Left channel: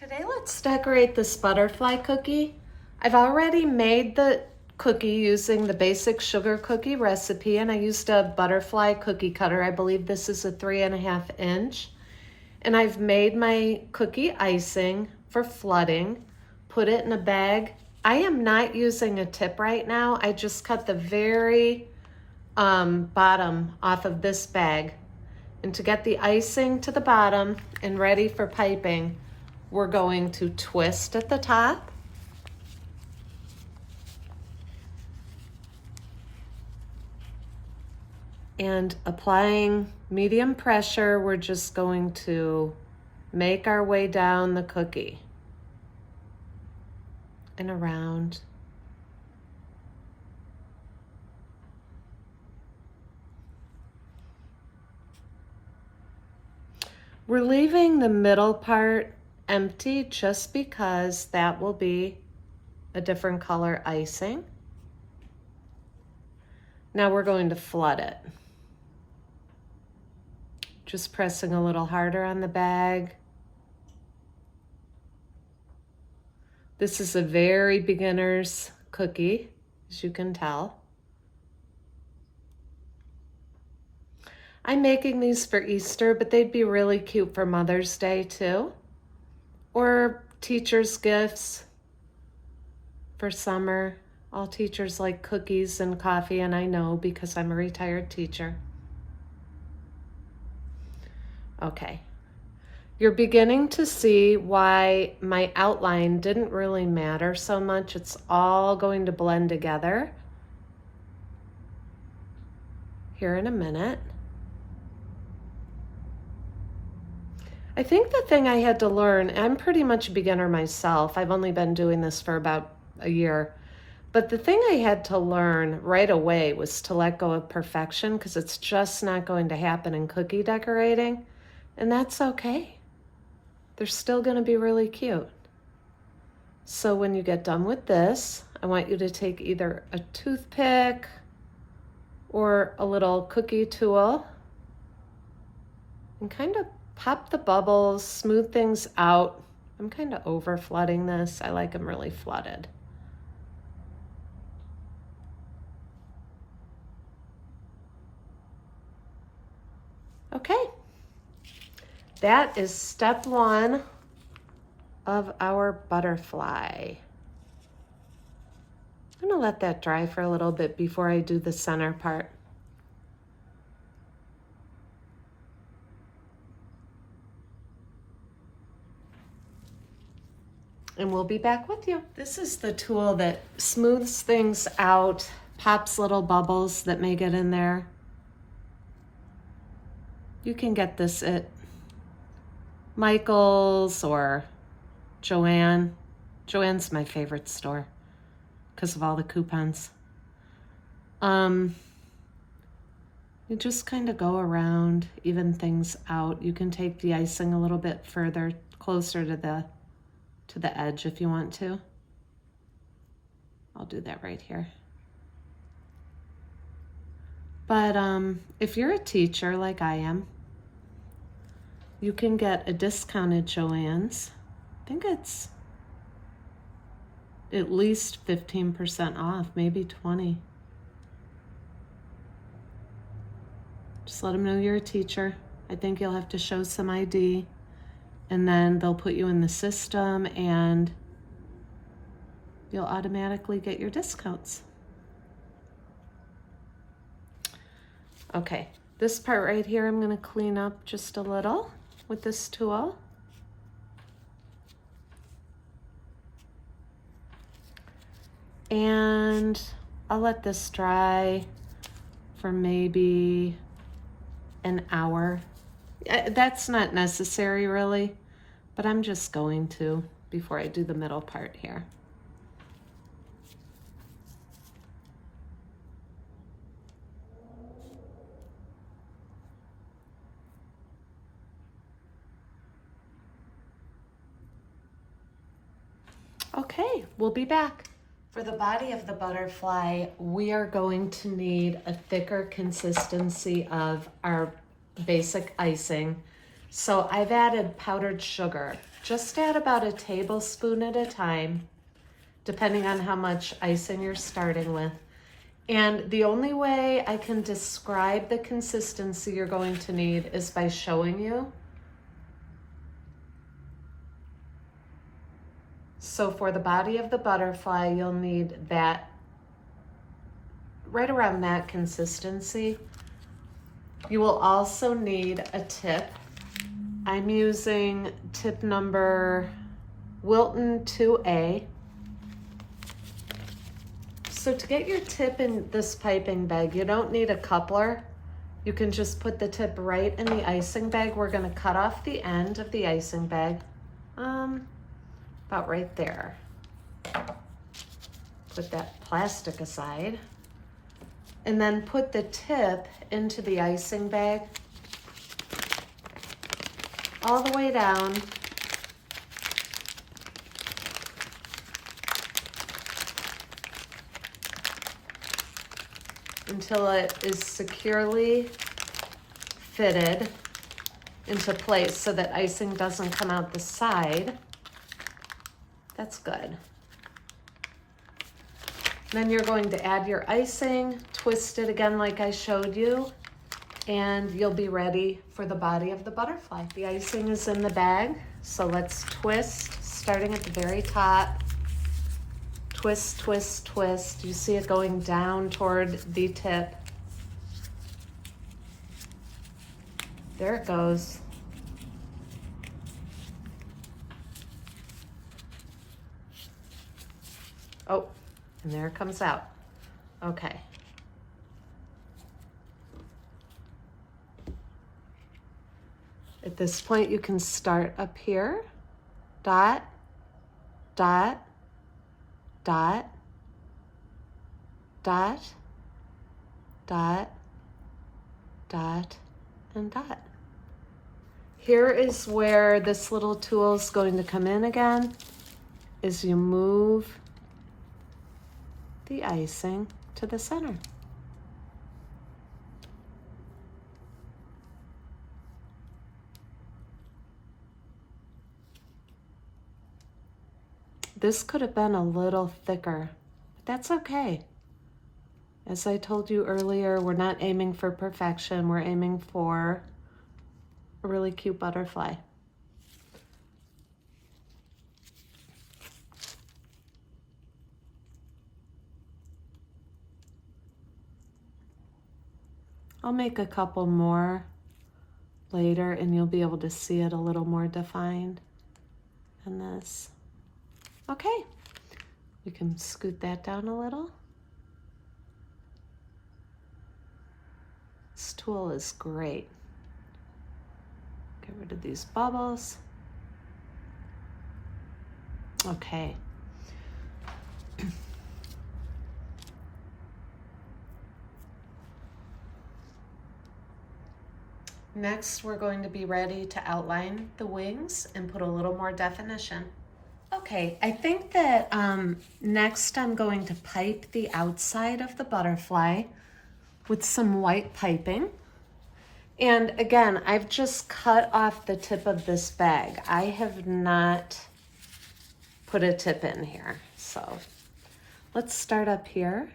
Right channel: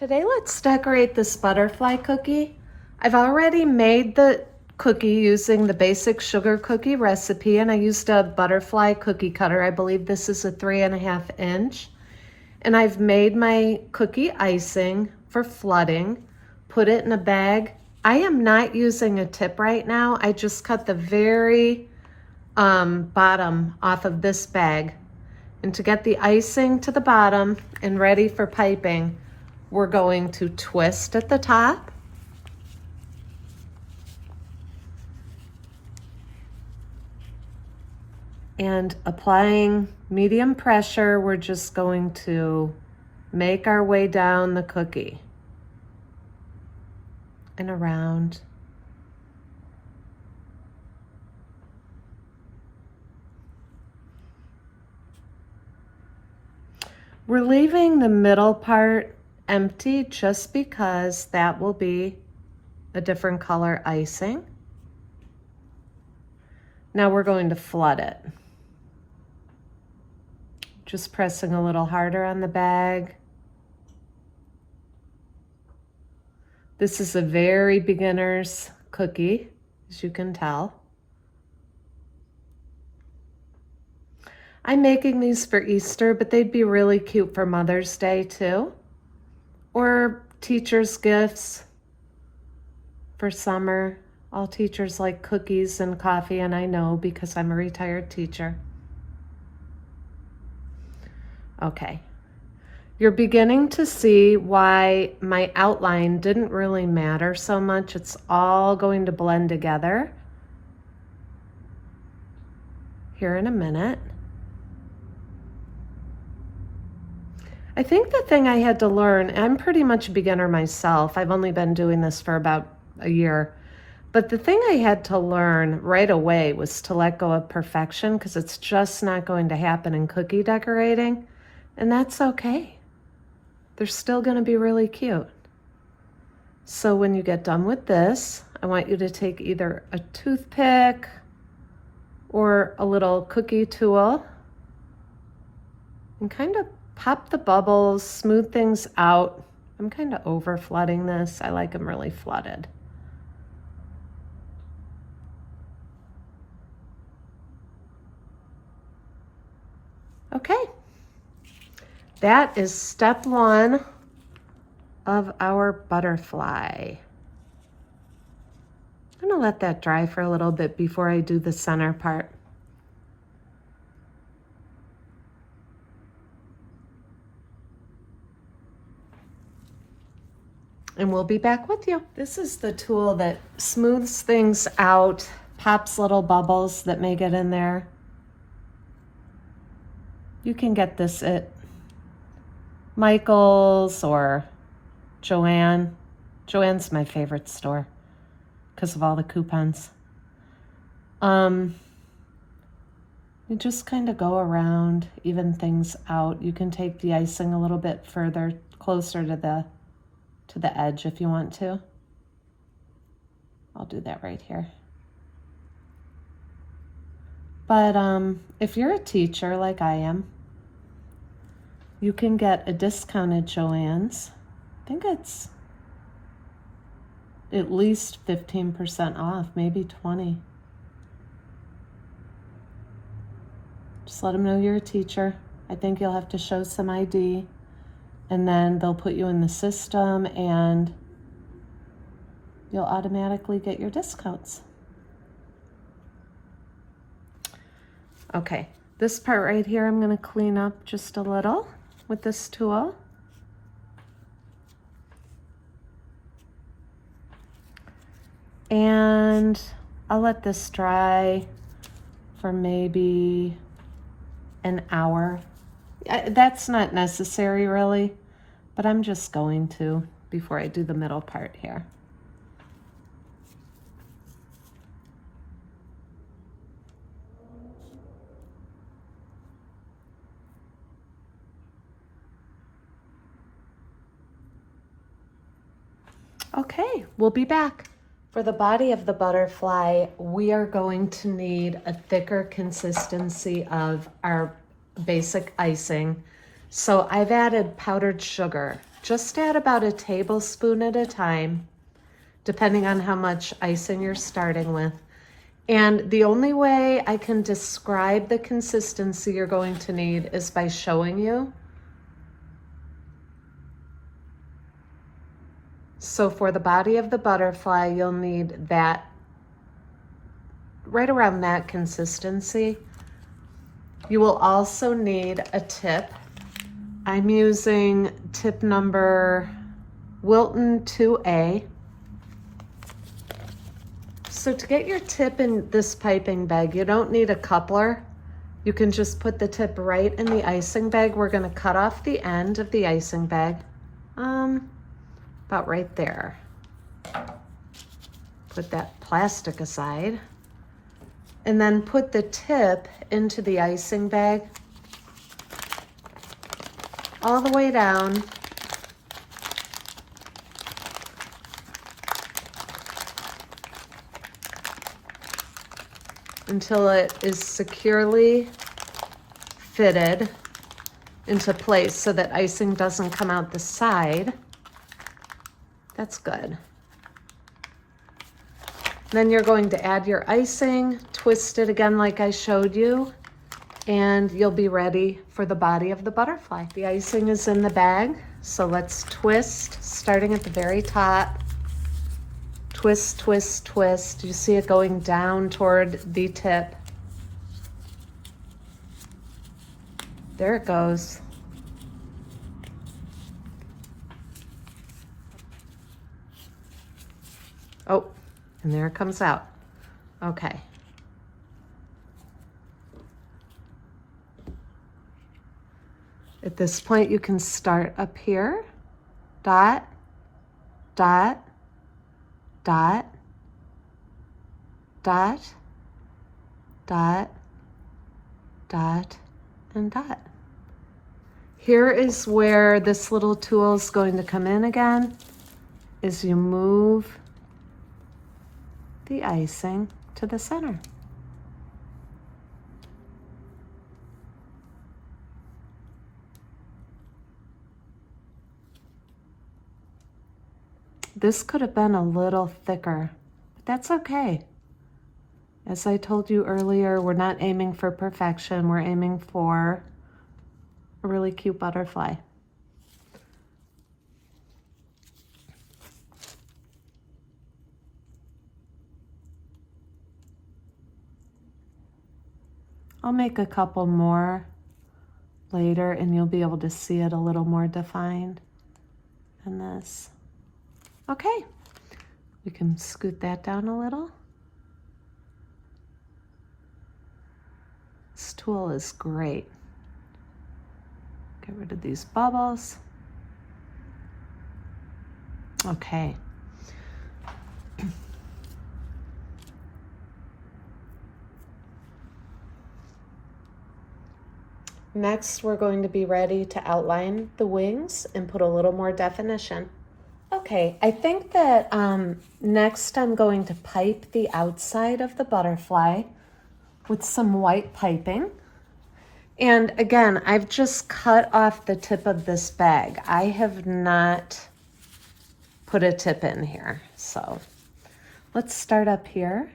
Today let's decorate this butterfly cookie. I've already made the cookie using the basic sugar cookie recipe, and I used a butterfly cookie cutter. I believe this is a 3.5 inch. And I've made my cookie icing for flooding, put it in a bag. I am not using a tip right now. I just cut the very bottom off of this bag. And to get the icing to the bottom and ready for piping, we're going to twist at the top. And applying medium pressure, we're just going to make our way down the cookie and around. We're leaving the middle part empty just because that will be a different color icing. Now we're going to flood it. Just pressing a little harder on the bag. This is a very beginner's cookie, as you can tell. I'm making these for Easter, but they'd be really cute for Mother's Day too. Or teachers' gifts for summer. All teachers like cookies and coffee, and I know because I'm a retired teacher. Okay, you're beginning to see why my outline didn't really matter so much. It's all going to blend together here in a minute. I think the thing I had to learn, I'm pretty much a beginner myself. I've only been doing this for about a year. But the thing I had to learn right away was to let go of perfection, because it's just not going to happen in cookie decorating. And that's okay. They're still going to be really cute. So when you get done with this, I want you to take either a toothpick or a little cookie tool and kind of pop the bubbles, smooth things out. I'm kind of over flooding this. I like them really flooded. Okay, that is step one of our butterfly. I'm gonna let that dry for a little bit before I do the center part. And we'll be back with you. This is the tool that smooths things out, pops little bubbles that may get in there. You can get this at Michael's or Joann. Joann's my favorite store because of all the coupons. You just kind of go around, even things out. You can take the icing a little bit further, closer to the edge if you want to. I'll do that right here. But if you're a teacher like I am, you can get a discounted Joann's. I think it's at least 15% off, maybe 20. Just let them know you're a teacher. I think you'll have to show some ID, and then they'll put you in the system and you'll automatically get your discounts. Okay, this part right here I'm going to clean up just a little with this tool. And I'll let this dry for maybe an hour. That's not necessary really, but I'm just going to before I do the middle part here. Okay, we'll be back. For the body of the butterfly, we are going to need a thicker consistency of our basic icing. So I've added powdered sugar. Just add about a tablespoon at a time, depending on how much icing you're starting with. And the only way I can describe the consistency you're going to need is by showing you. So for the body of the butterfly, you'll need that, right around that consistency. You will also need a tip. I'm using tip number Wilton 2A. So to get your tip in this piping bag, you don't need a coupler. You can just put the tip right in the icing bag. We're gonna cut off the end of the icing bag, about right there. Put that plastic aside. And then put the tip into the icing bag, all the way down. Until it is securely fitted into place so that icing doesn't come out the side. That's good. Then you're going to add your icing, twist it again like I showed you, and you'll be ready for the body of the butterfly. The icing is in the bag, so let's twist, starting at the very top. Twist, twist, twist. You see it going down toward the tip. There it goes. Oh, and there it comes out. Okay. At this point, you can start up here. Dot, dot, dot, dot, dot, dot, and dot. Here is where this little tool is going to come in again, is you move the icing to the center. This could have been a little thicker, but that's okay. As I told you earlier, we're not aiming for perfection, we're aiming for a really cute butterfly. I'll make a couple more later and you'll be able to see it a little more defined in this. Okay, we can scoot that down a little. This tool is great. Get rid of these bubbles. Okay. Next, we're going to be ready to outline the wings and put a little more definition. Okay, I think that next I'm going to pipe the outside of the butterfly with some white piping. And again, I've just cut off the tip of this bag. I have not put a tip in here. So let's start up here.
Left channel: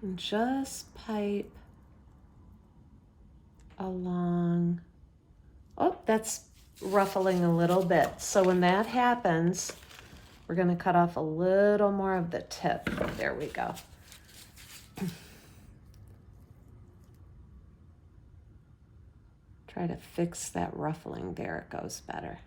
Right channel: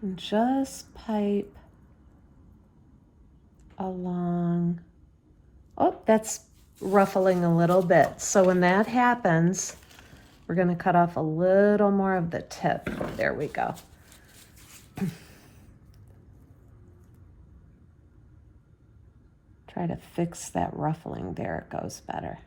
And just pipe along. Oh, that's ruffling a little bit. So when that happens, we're going to cut off a little more of the tip. There we go. Try to fix that ruffling. There it goes better.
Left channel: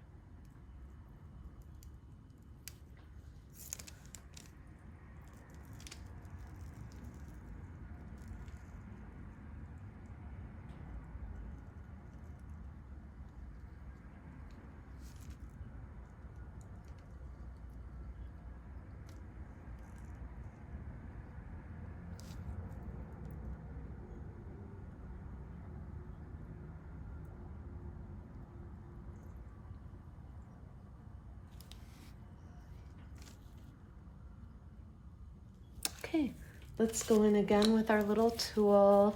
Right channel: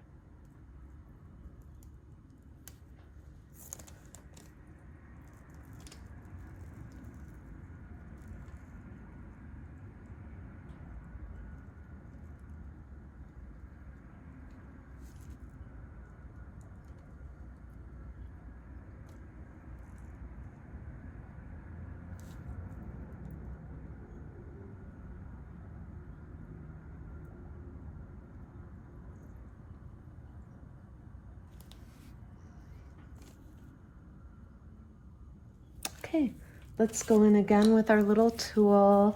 Okay, Let's go in again with our little tool,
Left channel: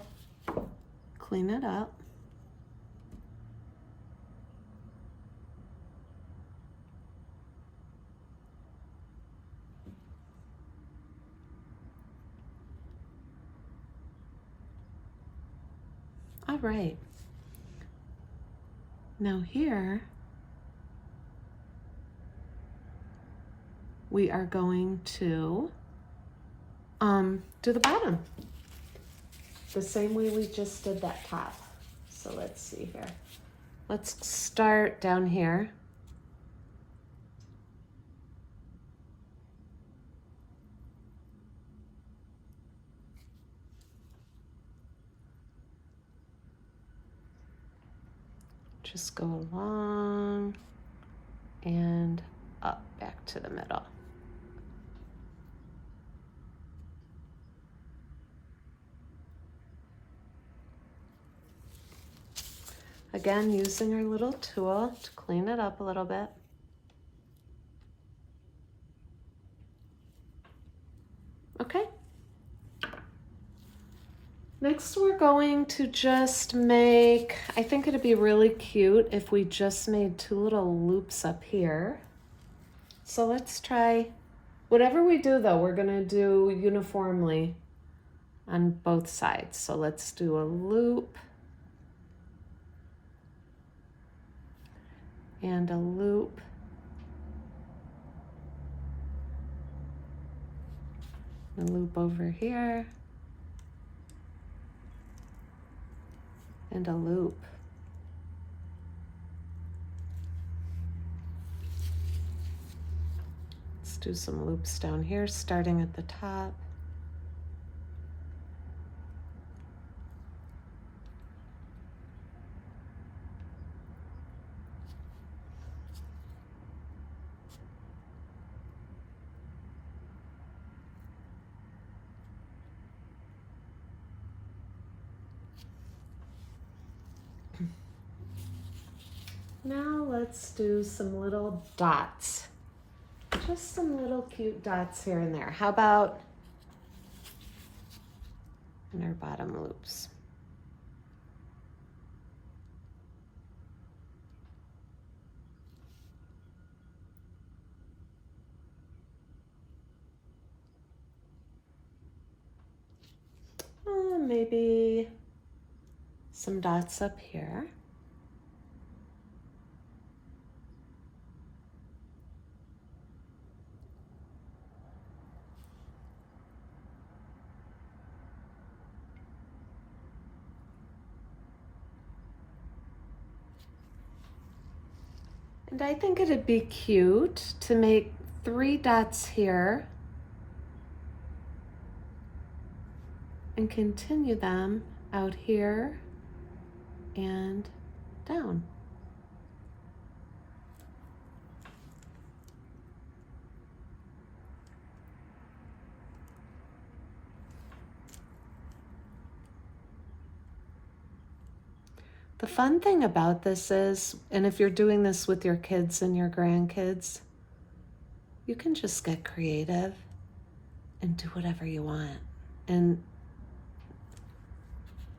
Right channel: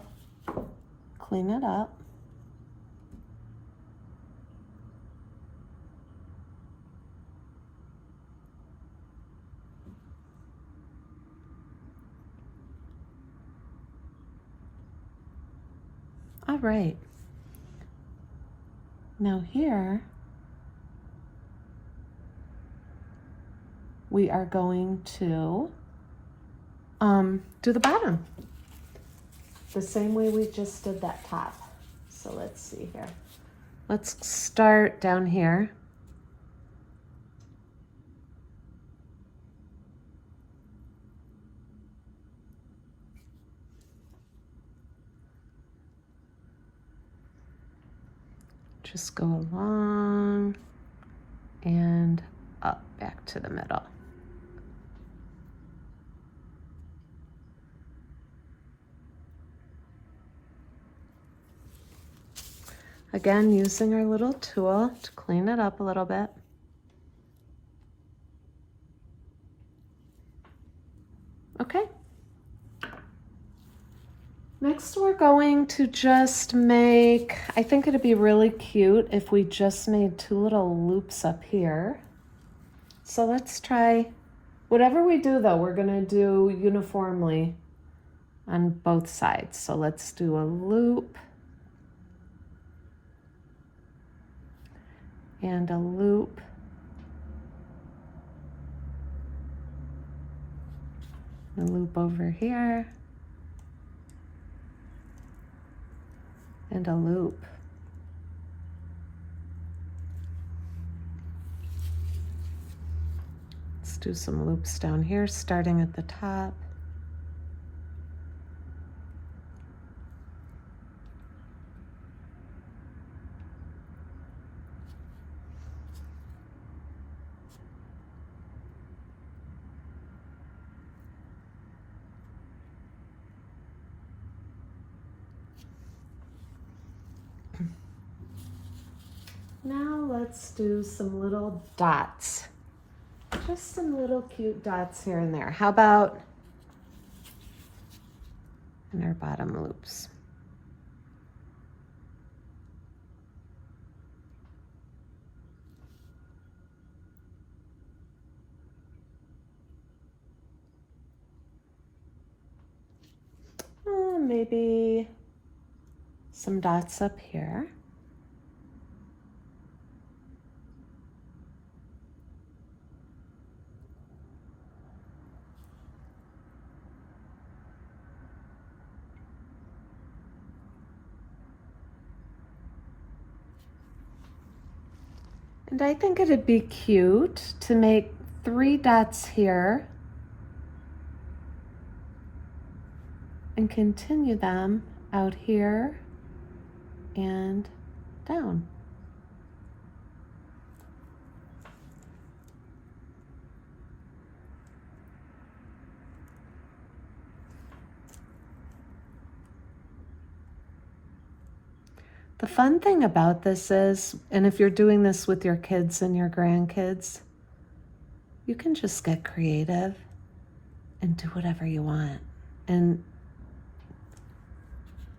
clean it up. All right. Now here, we are going to do the bottom the same way we just did that top. So let's see here. Let's start down here. Just go along and up back to the middle. Again, using our little tool to clean it up a little bit. Okay. Next, we're going to just make, I think it'd be really cute if we just made 2 little loops up here. So let's try, whatever we do though, we're gonna do uniformly on both sides. So let's do a loop and a loop. A loop over here. And a loop. Let's do some loops down here, starting at the top. Now let's do some little dots. Just some little cute dots here and there. How about in our bottom loops? Oh, maybe some dots up here. And I think it'd be cute to make 3 dots here and continue them out here and down. The fun thing about this is, and if you're doing this with your kids and your grandkids, you can just get creative and do whatever you want. And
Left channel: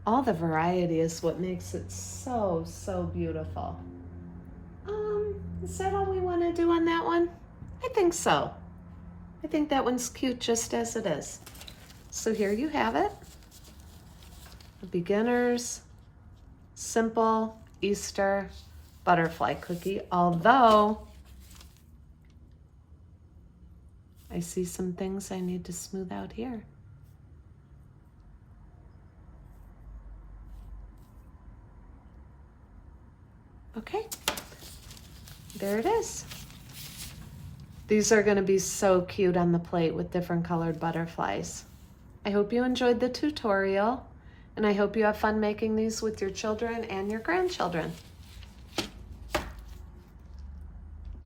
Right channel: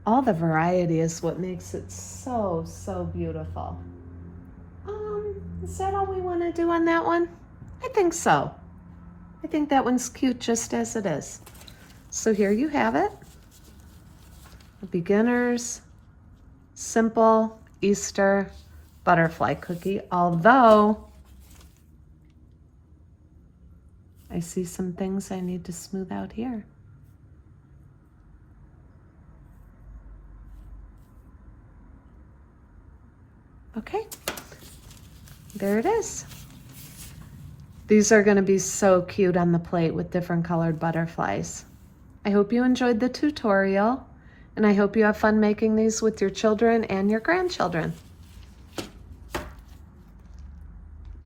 all the variety is what makes it so, so beautiful. Is that all we want to do on that one? I think so. I think that one's cute just as it is. So here you have it. A beginner's simple Easter butterfly cookie, although I see some things I need to smooth out here. Okay, there it is. These are going to be so cute on the plate with different colored butterflies. I hope you enjoyed the tutorial, and I hope you have fun making these with your children and your grandchildren.